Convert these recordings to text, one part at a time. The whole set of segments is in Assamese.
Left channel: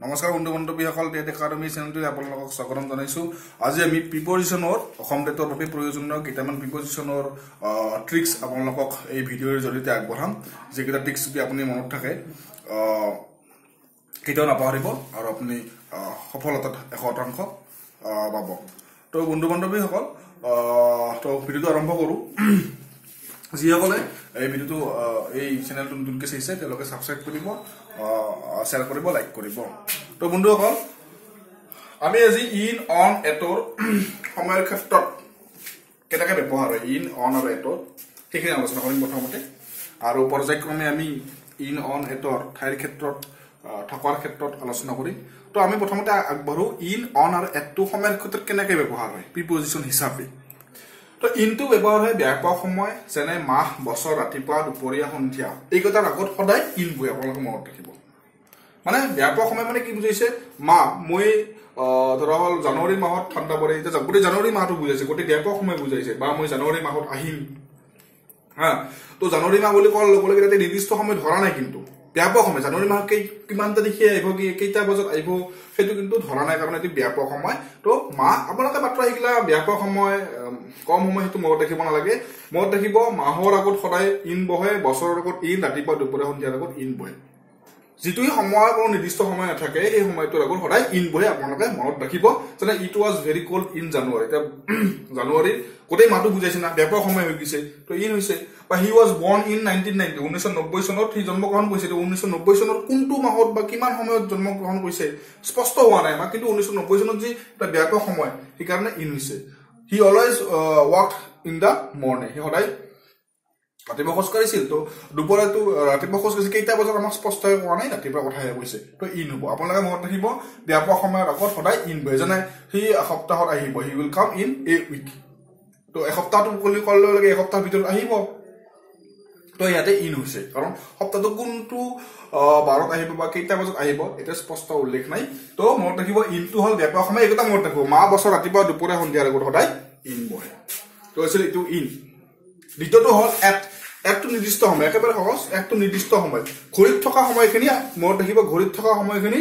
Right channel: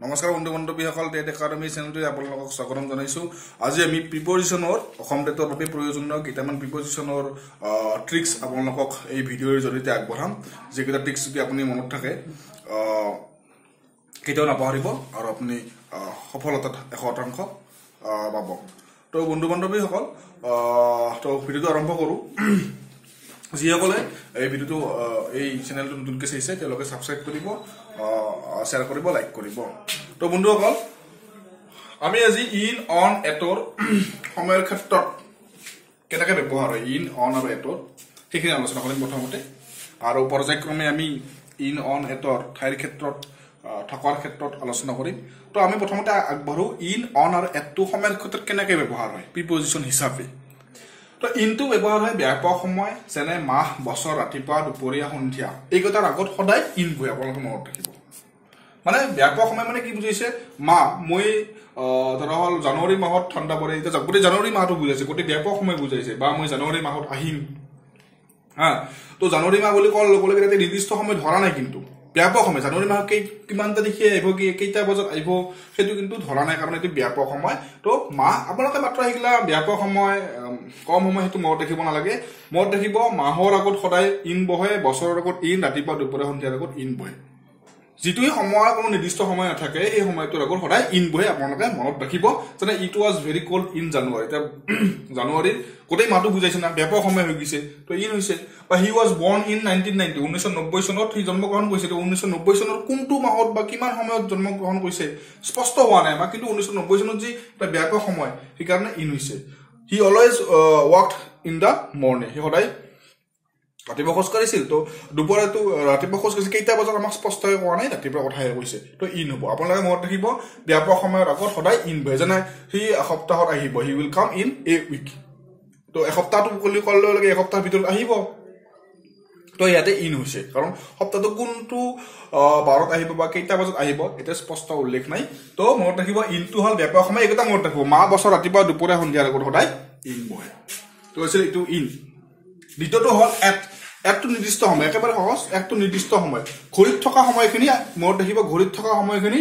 নমস্কাৰ বন্ধু বান্ধৱীসকল টেট একাডেমি চেনেলটোত আপোনালোকক স্বাগতম জনাইছো। আজি আমি প্ৰিপজিচনৰ অসম টেটৰ বাবে প্ৰয়োজনীয় কেইটামান প্ৰিপজিচনৰ ট্ৰিক্স আপোনালোকক এই ভিডিঅ'ৰ জৰিয়তে আগবঢ়াম। যিকেইটা ট্ৰিক্স যদি আপুনি মনত থাকে কেতিয়াও নাপাহৰিব আৰু আপুনি সফলতাত 100% পাব। তো বন্ধু বান্ধৱীসকল তো ভিডিঅ'টো আৰম্ভ কৰো। যিসকলে এই ভিডিঅ'টো এই চেনেলটো নতুনকৈ চাইছে তেওঁলোকে সাবস্ক্ৰাইব কৰিব, শ্বেয়াৰ কৰিব, লাইক কৰিব। তো বন্ধুসকল আমি আজি ইন অন এটৰ সময়ৰ ক্ষেত্ৰত কেনেকৈ ব্যৱহাৰ হয় ইন অন আৰু এটৰ সেইখিনি আলোচনা কৰিম প্ৰথমতে, আৰু পৰ্যায়ক্ৰমে আমি ইন অন এটৰ ঠাইৰ ক্ষেত্ৰত থকাৰ ক্ষেত্ৰত আলোচনা কৰিম। তো আমি প্ৰথমতে আগবাঢ়ো ইন অন আৰু এটটো সময়ৰ ক্ষেত্ৰত কেনেকৈ ব্যৱহাৰ হয় প্ৰিপজিচন হিচাপে। তো ইনটো ব্যৱহাৰ হয় ব্যাপক সময় যেনে মাহ, বছৰ, ৰাতিপুৱা, দুপৰীয়া, সন্ধিয়া। এইকেইটাৰ আগত সদায় ইন বৈ আপোনালোকে মনত ৰাখিব। মানে ব্যাপক সময় মানে কি বুজাইছে, মাহ মই ধৰা হল জানুৱাৰী মাহত ঠাণ্ডা পৰে, এতিয়া গোটেই জানুৱাৰী মাহটো বুজাইছে, গোটেই ব্যাপক সময় বুজাইছে, বা মই জানুৱাৰী মাহত আহিম। তো জানুৱাৰী মাহ বুলি কোৱাৰ লগে লগে নিৰ্দিষ্ট সময় ধৰা নাই, কিন্তু ব্যাপক সময় জানুৱাৰী মাহ কিমান তাৰিখে আহিব, কেইটা বজাত আহিব সেইটো কিন্তু ধৰা নাই, কাৰণ এইটো ব্যাপক সময়। তো মাহ আপোনালোকে মাত্ৰ আহিলা ব্যাপক সময় কম সময় সেইটো মনত ৰাখিব নালাগে। মনত ৰাখিব মাহৰ আগত সদায় ইন বহে, বছৰৰ আগত ইন, ৰাতিপুৱা দুপৰীয়া সন্ধিয়াৰ আগত ইন বহে। যিটো সময়ৰ কোনো নিৰ্দিষ্ট সময় নাথাকে এই সময়টোৰ আগত সদায় ইন বহে আপোনালোকে মনত ৰাখিব। যেনে it was very cold in January, এতিয়া জানুৱাৰীৰ গোটেই মাহটো বুজাইছে না, ব্যাপক সময় হৈ গৈছে, তো ইন হৈছে। বা হি ৱাজ বৰ্ণ ইন 1990, 1990 চনত সি জন্মগ্ৰহণ কৰিছে। 1990 চনত কোনটো মাহত বা কিমান সময়ত জন্মগ্ৰহণ কৰিছে স্পষ্ট হোৱা নাই, কিন্তু 1990 চনত যি এটা ব্যাপক সময় সেইকাৰণে ইন হৈছে। হি অলৱেজ ৱাকড ইন দ্য মৰ্ণিং, সি সদায় ৰাতিপুৱা খোজ কাঢ়িছিল। তো দুপৰীয়াটো ৰাতিপুৱা খোজ কাঢ়িছিল, কেইটা বজাত আমাক স্পষ্টকৈ কোৱা নাই, ৰাতিপুৱা কথাহে কৈছে, তো ইন হ'ব। আপোনালোকে মনত ৰাখিব ব্যাপক সময়ৰ আগত সদায় ইন বহে। যেনে সি এসপ্তাহত আহিব, he will come in a week. তো এসপ্তাহটো ক'লে লগে এসপ্তাহৰ ভিতৰত আহিব, তো ইয়াতে ইন হৈছে, কাৰণ সপ্তাহটো কোনটো বাৰত আহিব বা কেইটা বজাত আহিব এতিয়া স্পষ্ট উল্লেখ নাই। তো মনত ৰাখিব ইনটো হ'ল ব্যাপক সময়, এইকেইটা মনত ৰাখিব, মাহ, বছৰ, ৰাতিপুৱা, দুপৰীয়া, সন্ধিয়াৰ আগত সদায় ইন বহে। তো আছিল এইটো ইন। দ্বিতীয়টো হ'ল এট। এটটো নিৰ্দিষ্ট সময়, একেবাৰে সহজ, এটটো নিৰ্দিষ্ট সময়। ঘড়ীত থকা সময়খিনি মনত ৰাখিব, ঘড়ীত থকা সময়খিনি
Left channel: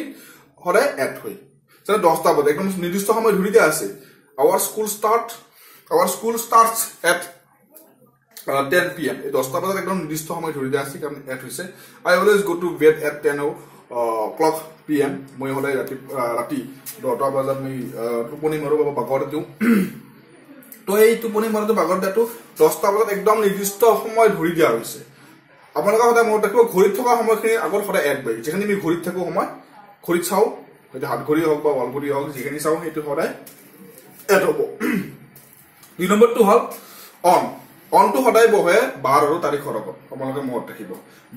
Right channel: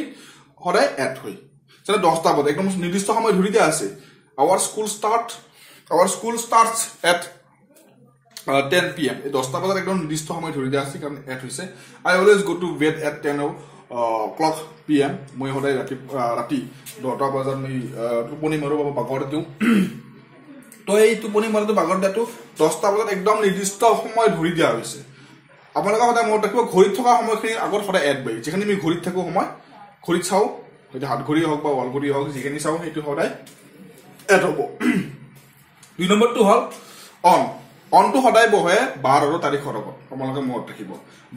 সদায় এট হয়। যেনে 10টা বজাত একদম নিৰ্দিষ্ট সময় ধৰি দিয়া আছে, our school starts at 10 PM, এই 10টা বজাত একদম নিৰ্দিষ্ট সময় ধৰি দিয়া আছে কাৰণ এট হৈছে। I always go to bed at 10 PM, মই সদায় ৰাতি 10টা বজাত মই টোপনি মাৰো বা বাগৰ দিওঁ। তো এই টোপনি মাৰাটো বাগৰ দিয়াটো 10টা বজাত একদম নিৰ্দিষ্ট সময় ধৰি দিয়া হৈছে। আপোনালোকে সদায় মনত ৰাখিব ঘড়ীত থকা সময়খিনিৰ আগত সদায় এট বহে। যিখিনি আমি ঘড়ীত থাকো সময়, ঘড়ীত চাওঁ, সেইটো হাত ঘড়ী হওক বা ৱাল ঘড়ী হওক, যিখিনি চাওঁ সেইটো সদায় এট হ'ব। 2 নম্বৰটো হ'ল অন। অনটো সদায় বহে বাৰ আৰু তাৰিখৰ আগত, আপোনালোকে মনত ৰাখিব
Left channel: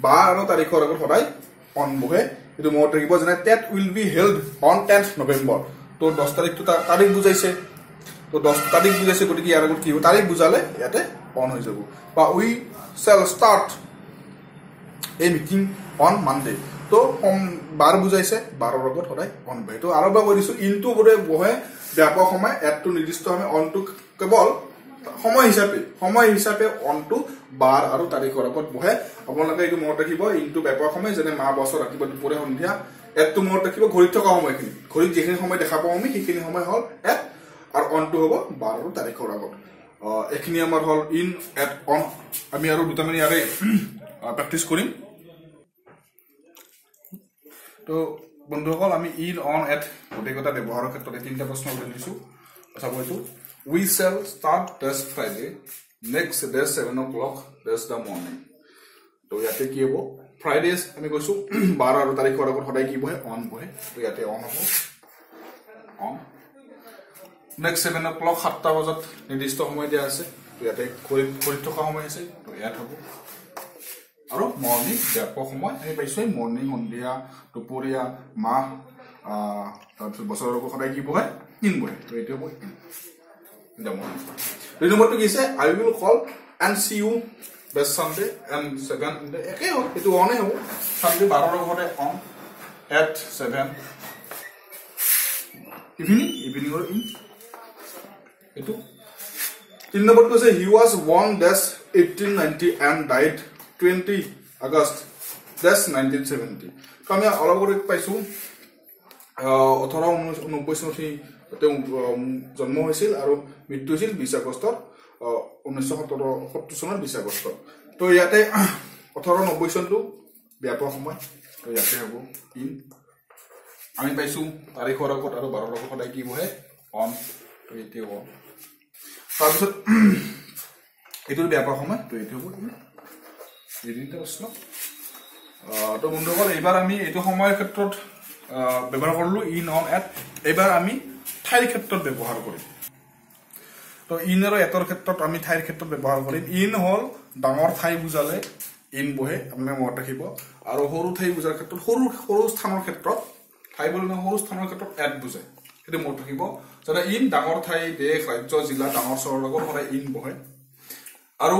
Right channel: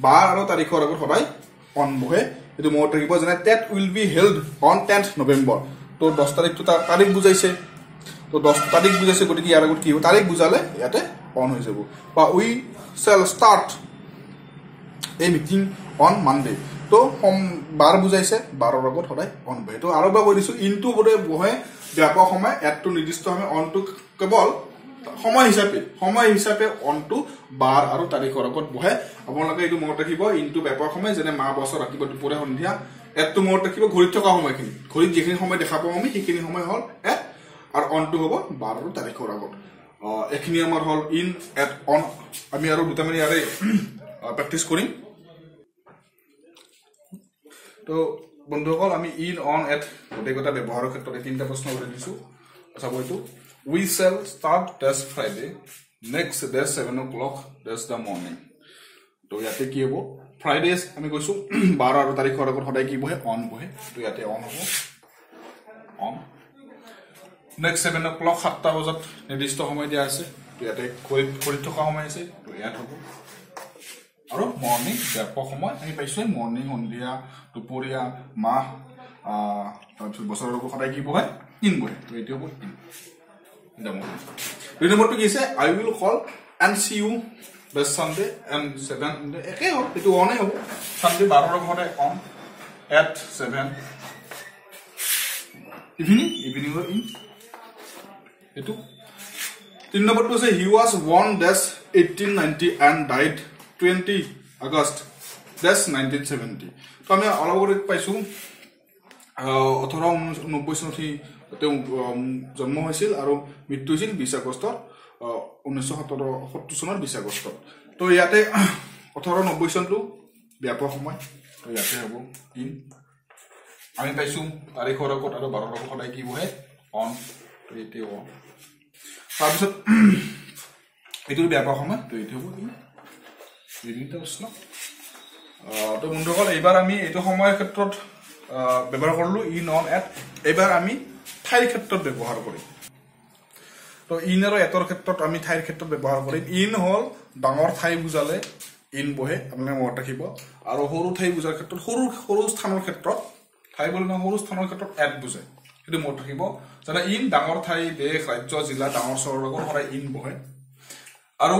বাৰ আৰু তাৰিখৰ আগত সদায় অন বহে, এইটো মনত ৰাখিব। যেনে TET will be held on 10th November, তো 10 তাৰিখটো তাৰিখ বুজাইছে, তো 10 তাৰিখ বুজাইছে, গতিকে ইয়াৰ আগত কি হ'ব, তাৰিখ বুজালে ইয়াতে অন হৈ যাব। বা we shall start a meeting on Monday, তো বাৰ বুজাইছে, বাৰৰ আগত সদায় অন বহে। তো আৰু এবাৰ কৈ দিছো, ইনটো বোধে বহে ব্যাপক সময়, এটটো নিৰ্দিষ্ট সময়, অনটো কেৱল সময় হিচাপে অনটো বাৰ আৰু তাৰিখৰ আগত বহে। আপোনালোকে এইটো মনত ৰাখিব, ইনটো ব্যাপক সময় যেনে মাহ, বছৰ, ৰাতিপুৱা, দুপৰীয়া, সন্ধিয়া। এটটো মনত ৰাখিব ঘড়ীত থকা সময়খিনি, ঘড়ীত যিখিনি সময় দেখা পাওঁ আমি সেইখিনি সময় হ'ল এট, আৰু অনটো হ'ব বাৰ আৰু তাৰিখৰ আগত। এইখিনি আমাৰ হ'ল ইন, এট, অন। আমি আৰু দুটামান ইয়াৰে প্ৰেক্টিচ কৰিম। তো বন্ধুসকল আমি ইন, অন, এট গোটেইকেইটা ব্যৱহাৰৰ ক্ষেত্ৰত 3টা প্ৰশ্ন উত্তৰ দিছো। চাব এইটো, we shall start this Friday, next day 7 o'clock, that's the morning. তো ইয়াতে কি হ'ব, ফ্ৰাইডেজ আমি কৈছো 12 আৰু তাৰিখৰ আগত সদায় কি বহে, অন বহে, তো ইয়াতে অন হ'ব, অন। নেক্সট 7 o'clock 7টা বজাত নিৰ্দিষ্ট সময় দিয়া আছে, তো ইয়াতে ঘড়ীত থকা সময় আছে, তো ইয়াত হ'ব। আৰু মৰ্ণিং ব্যাপক সময় আমি পাইছো, মৰ্ণিং, সন্ধিয়া, দুপৰীয়া, মাহ, তাৰপিছত বছৰৰ আগত সদায় কি বহে, ইন বহে, তো এইটো হ'ব ইন। 2 নম্বৰটো কি আছে, I will call and see you this Sunday and 7, একে হ'ল, এইটো অনেই হ'ব। ছানডে 12ৰ আগতে অন, এট 7, ইভিনিঙৰ ইন, এইটো। 3 নম্বৰটো আছে, হি ৱাজ বৰ্ণ 1890 এণ্ড ডাইড 20 August 1970। তো আমি অলপ আগতে পাইছো 1899 চনত তেওঁ জন্ম হৈছিল আৰু মৃত্যু হৈছিল 20 আগষ্ট 1970 চনৰ 20 আগষ্ট তো ইয়াতে 1890 চনটো ব্যাপক সময় তো ইয়াতে হ'ব ইন আমি পাইছো তাৰিখৰ আগত আৰু 12 আগত সদায় কি বহে অন তো এতে হ'ব তাৰপিছত এইটো ব্যাপক সময় তো এতে হ'ব ইন এদিনতে আসলো তো বন্ধুসকল এবাৰ আমি এইটো সময়ৰ ক্ষেত্ৰত ব্যৱহাৰ কৰিলো ইন অন এট এবাৰ আমি ঠাইৰ ক্ষেত্ৰত ব্যৱহাৰ কৰিম তো ইন আৰু এটৰ ক্ষেত্ৰত আমি ঠাইৰ ক্ষেত্ৰত ব্যৱহাৰ কৰিম ইন হল ডাঙৰ ঠাই বুজালে ইন বহে আপোনালোকে মনত ৰাখিব আৰু সৰু ঠাই বুজাৰ ক্ষেত্ৰত সৰু স্থানৰ ক্ষেত্ৰত ঠাই বুলি সৰু স্থানৰ ক্ষেত্ৰত এট বুজায় সেইটো মনত ৰাখিব যেনে ইন ডাঙৰ ঠাই দেশ ৰাজ্য জিলা ডাঙৰ চহৰৰ লগত সদায় ইন বহে আৰু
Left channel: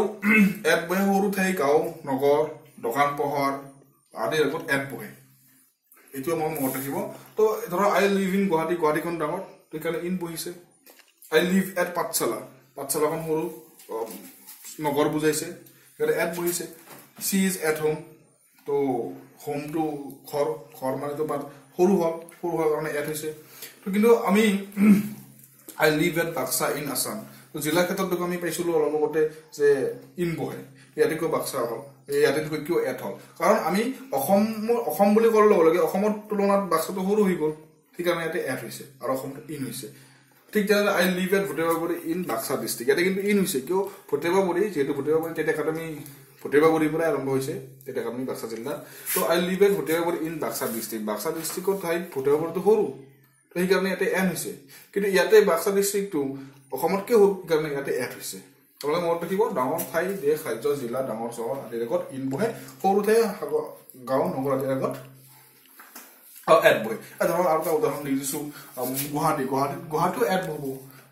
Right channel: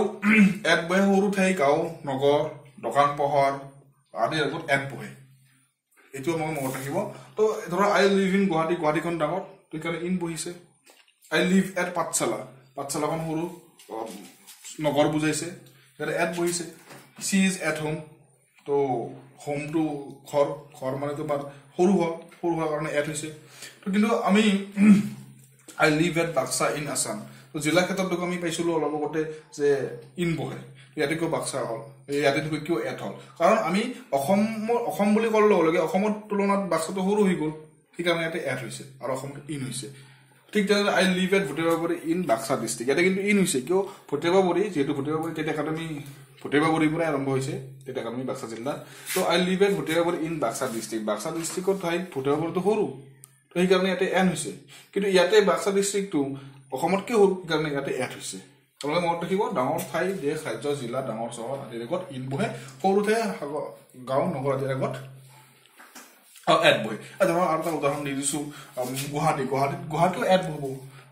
এট বহে সৰু ঠাই গাঁও নগৰ দোকান পোহাৰ আদিৰ লগত এট বহে এইটো মই মনত ৰাখিব তো ধৰা আই লিভ ইন গুৱাহাটী গুৱাহাটীখন ডাঙৰ তো কাৰণে ইন বহিছে আই লিভ এট পাঠশালাখন সৰু নগৰ বুজাইছে ইয়াতে এট বহিছে সি ইজ এট হোম তো হোমটো ঘৰ মানে তোমাৰ সৰু হোৱাৰ কাৰণে এট হৈছে তো কিন্তু আমি I live at Baksa in Assam তো জিলা ক্ষেত্ৰত দেখোন আমি পাইছিলো অলপ আগতে যে ইন বহে ইয়াতে কিয় বাক্সা হল ইয়াতে কিয় এট হল কাৰণ আমি অসম বুলি ক'লে লগে লগে অসমৰ তুলনাত বাক্সাটো সৰু হৈ গ'ল সেইকাৰণে ইয়াতে এট হৈছে আৰু অসমটো ইন হৈছে ঠিক তেনেদৰে I live at Bhatebaburi in Baksa district ইয়াতে কিন্তু ইন হৈছে কিয় ভটেবাবুৰি যিহেতু ভটেবাবুৰি টেট একাডেমি ভটেবাবুৰিৰ পৰা আৰম্ভ হৈছে টেট একাডেমি বাক্সা জিলাত তো আই live at Bhatebaburi in Baksa ডিষ্ট্ৰিক্টৰ ঠাইত ভটেবাবুৰিটো সৰু তো সেইকাৰণে ইয়াতে এন হৈছে কিন্তু ইয়াতে বাক্সা ডিষ্ট্ৰিক্টটো অসমতকৈ সৰু সেইকাৰণে ইয়াতে এট হৈছে আপোনালোকে মনত ৰাখিব ডাঙৰ ঠাই দেশ ৰাজ্য জিলা ডাঙৰ চহৰ আদিৰ আগত ইন বহে সৰু ঠাই গাঁও নগৰ আদিৰ আগত এট বহে ধৰক আৰু এটা উদাহৰণ দি দিছো গুৱাহাটীও এট বহব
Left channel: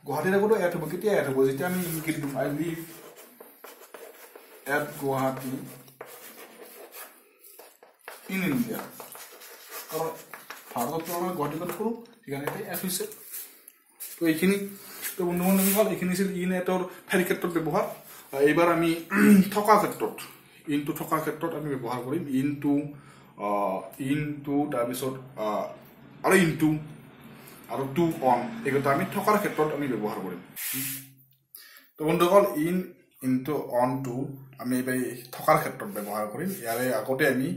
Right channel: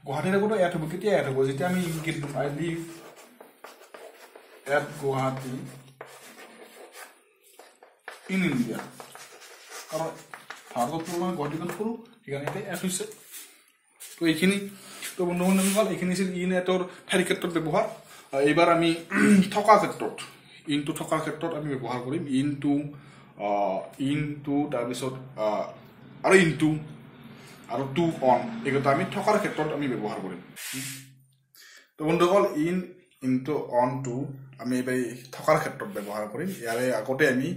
গুৱাহাটীৰ আগতো এট হ'ব কেতিয়া এট হ'ব যেতিয়া আমি লিখি দিম I live at Guwahati in India কাৰণ ভাৰতত তুলনাত গুৱাহাটীখন সৰু সেইকাৰণে এতিয়া এট হৈছে তো এইখিনি তো বন্ধু বান্ধৱীসকল এইখিনি আছিল ইন এটৰ ঠাইৰ ক্ষেত্ৰত ব্যৱহাৰ এইবাৰ আমি থকাৰ ক্ষেত্ৰত ইনটো থকাৰ ক্ষেত্ৰত আমি ব্যৱহাৰ কৰিম ইনটো তাৰপিছত আৰু ইনটো আৰু টু অন এইকেইটা আমি থকাৰ ক্ষেত্ৰত আমি ব্যৱহাৰ কৰিম তো বন্ধুসকল ইনটো অন টু আমি এইবাৰ থকাৰ ক্ষেত্ৰত ব্যৱহাৰ কৰিম ইয়াৰে আগতে আমি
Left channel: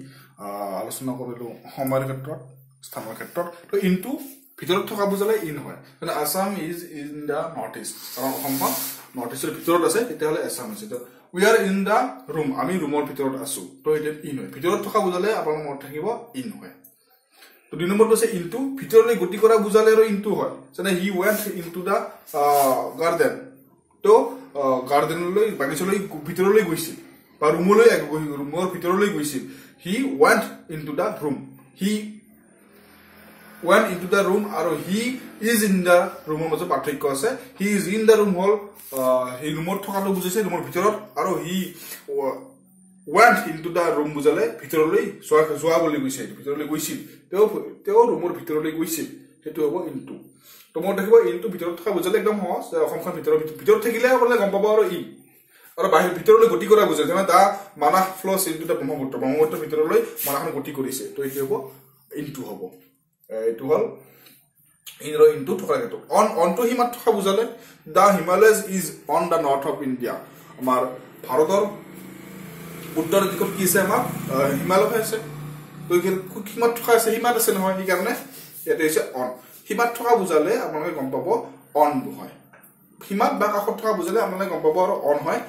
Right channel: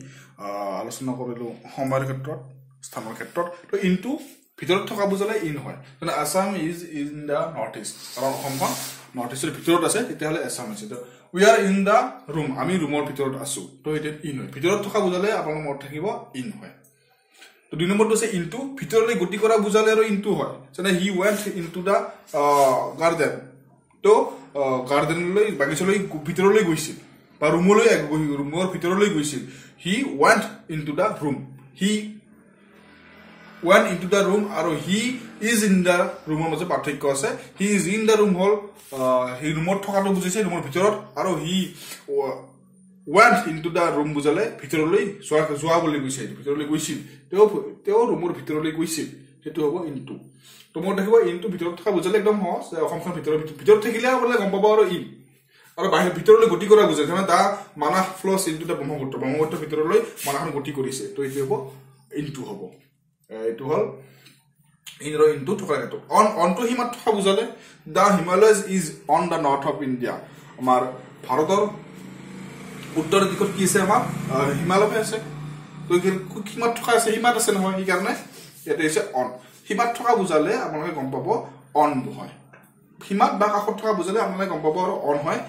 আলোচনা কৰিলো সময়ৰ ক্ষেত্ৰত স্থানৰ ক্ষেত্ৰত তো ইনটো ভিতৰত থকা বুজালে ইন হয় কিন্তু Assam is in the north east কাৰণ অসমখন নৰ্থ ইষ্টৰ ভিতৰত আছে তেতিয়াহ'লে আসাম হৈছে তো we are in the room আমি ৰুমৰ ভিতৰত আছো তো এতিয়া ইন হয় ভিতৰত থকা বুজালে আপোনাৰ মনত থাকিব ইন হয় তো দুই নম্বৰটো আছে ইনটু ভিতৰলৈ গতি কৰা বুজালে আৰু ইনটু হয় যেনে he went into the garden তো গাৰ্ডেনলৈ বাগিচালৈ ভিতৰলৈ গৈছিল বা ৰুমৰ ভিতৰলৈ গৈছিল he went into the room he went into the room আৰু he is in the room মাজত পাৰ্থক্য আছে he is in the room হল হি ৰুমত থকাটো বুজিছে ৰুমৰ ভিতৰত আৰু he went into the room বুজালে ভিতৰলৈ যোৱা বুলি কৈছে ভিতৰলৈ গৈছিল তেওঁ ৰুমৰ ভিতৰলৈ গৈছিল সেইটো হ'ব into তো মই দেখিব into ভিতৰত থকা বুজালে একদম সহজ অসমখন ভিতৰত থাকিলে আপোনালোকে গম পাব আৰু ইন আৰু বাহিৰ ভিতৰলৈ গতি কৰা বুজায় যেনে দা মানাহ ফ্ল'ছ ইনটু দা ব্ৰহ্মপুত্ৰ ভিতৰলৈ মানাহখন গতি কৰিছে তো এইটো হ'ব into হ'ব এইটো হল ইন আৰু ইনটো থকাৰ ক্ষেত্ৰত অনটো হিমাত থকা বুজালে the Himalayas is on the north of India আমাৰ ভাৰতৰ উত্তৰ দিশত কি আছে আমাৰ হিমালয় আছে তো হিমাত থকা আছে হিমাত আছে নহয় সেইকাৰণে ইয়াতে হৈছে অন হিমাত থকা বুজালে আপোনালোকে গম পাব অন হয় হিমাত বা কাষত থকা বুজালে আপোনালোকে গম পাব আৰু অন হয়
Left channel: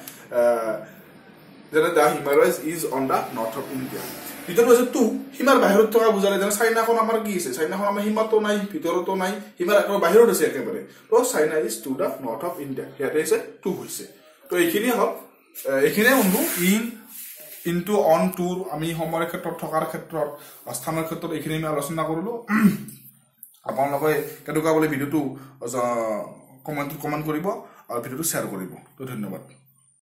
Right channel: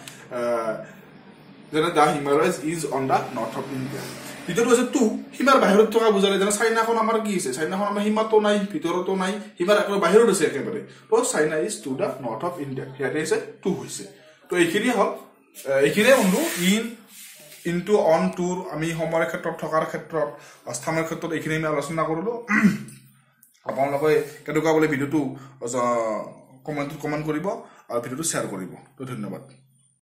যেনে the Himalayas is on the north of India ভিতৰত আছে টু হিমাৰ বাহিৰত থকা বুজালে যেনে চাইনাখন আমাৰ কি আছে চাইনাখন আমাৰ হিমাতো নাই ভিতৰতো নাই হিমাৰ একেবাৰে বাহিৰত আছে একেবাৰে তো China is to the north of India ইয়াতে আছে টু হৈছে তো এইখিনি হল এইখিনিয়ে বন্ধু ইনটু অন টুৰ আমি সময়ৰ ক্ষেত্ৰত থকাৰ ক্ষেত্ৰত স্থানৰ ক্ষেত্ৰত এইখিনি আমি আলোচনা কৰিলো আপোনালোকে কেনেকুৱা বোলে ভিডিঅ'টো কমেণ্ট কৰিব আৰু ভিডিঅ'টো শ্বেয়াৰ কৰিব তো ধন্যবাদ